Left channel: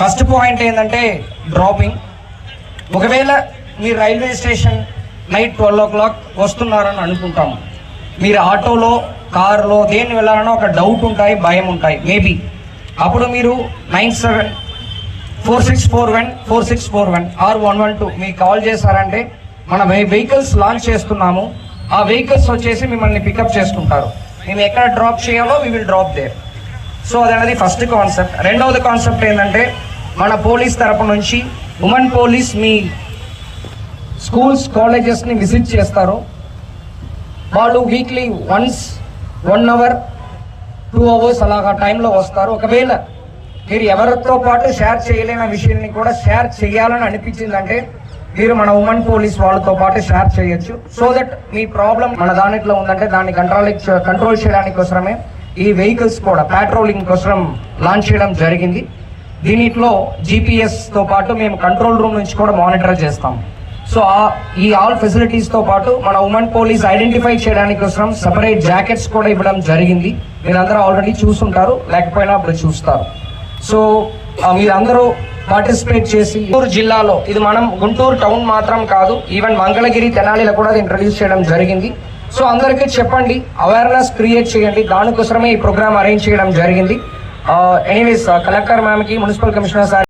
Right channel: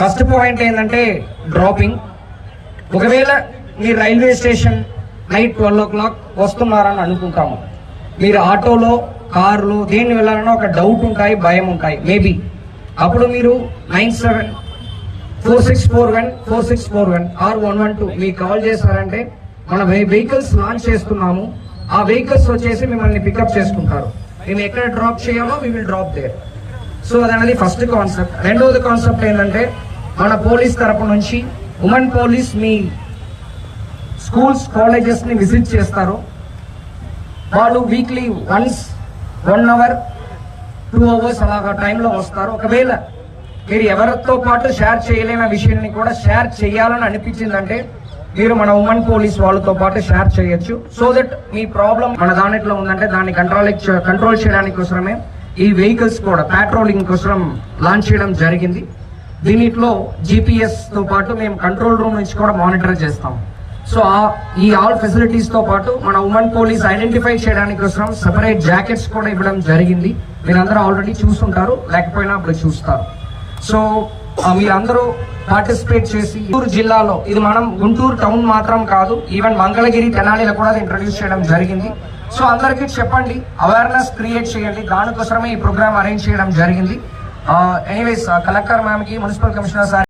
First point ఏంటంటే dropping. ఒకవేళ మీ railway station night twelve o'clock వస్తున్నారని అనుకుంటాము. మీరు ఆటోలో కారులో దేని వెళ్ళాలనో ఒక డౌట్ ఉంటాయి భయం ఉంటాయి మేబీ. అప్పుడు మీరు nine seven four six four one four six four one or one one two మీకు కాల్ చేశారంటే మన వెహికల్స్ లాంచ్ చేస్తున్నాము. ఆ వెహికల్స్ వచ్చేసి మిమ్మల్ని పికప్ చేసుకుంటారు. మేము ఎక్కడ డ్రాప్ చేయాలో we will drop there so అదనేది first concept. రెండవది కాన్సెప్ట్ ఏంటంటే మన పోలీస్ తరపు నుంచి ఉమెన్ పోలీస్ మీ స్కూల్స్ కాలేజెస్ని విజిట్ చేస్తారు. వాళ్ళు weekly once one hour two hours అలాగా టైంలో వస్తారు. ఒకవేళ మీరు ఎవరితో పాటు షేర్ చేయలేని విషయాన్ని కూడా షేర్ చేయాలని అనిపించిందంటే మీరు మన ఉమెన్ పోలీస్ వాళ్ళతో పాటు షేర్ చేయొచ్చు. సో దట్ మీ ప్రాబ్లం మన దానిట్లో ఉందంటే దాన్ని కంట్రోల్ కంట్రోల్ చేయడానికి కోసమే ఈ వెహికల్స్ కూడా పెట్రోలింగ్ కోసం లాంచ్ చేయడం జరిగింది. దీనిట్లో జీపీఎస్తో పాటు మేము కంట్రోల్ రూమ్ నుంచి కూడా మానిటర్ చేస్తాం. సో ఆ- ఈ ఆల్ ఫెసిలిటీస్తో పాటు మన ఉమెన్ పోలీస్ ఐడెంటిఫై చేయడానికి కోసం సెపరేట్ జాకెట్స్ కూడా ఇవ్వడం జరిగింది. మీరందరూ ఆల్రెడీ చూసుంటారు లేకపోయినా అప్పుడు చూస్తారు. సో మీరందరూ పార్టిసిపేట్ చేసి గుంటూరు జిల్లాలో ఇది మనం గుంటూరు టౌన్ మాత్రం కాదు ఈవెన్ మంగళగిరి తెనాలిలో కూడా ఇంట్రడ్యూస్ చేయడం జరిగింది. సో అందరికీ చెప్పండి అవేర్నెస్ క్రియేట్ చేయండి దానికోసమే ఈ ప్రోగ్రామ్ అరేంజ్ చేయడం జరిగింది. एनीवेज कलाकार मैम की मुनपल कमीशनर साहब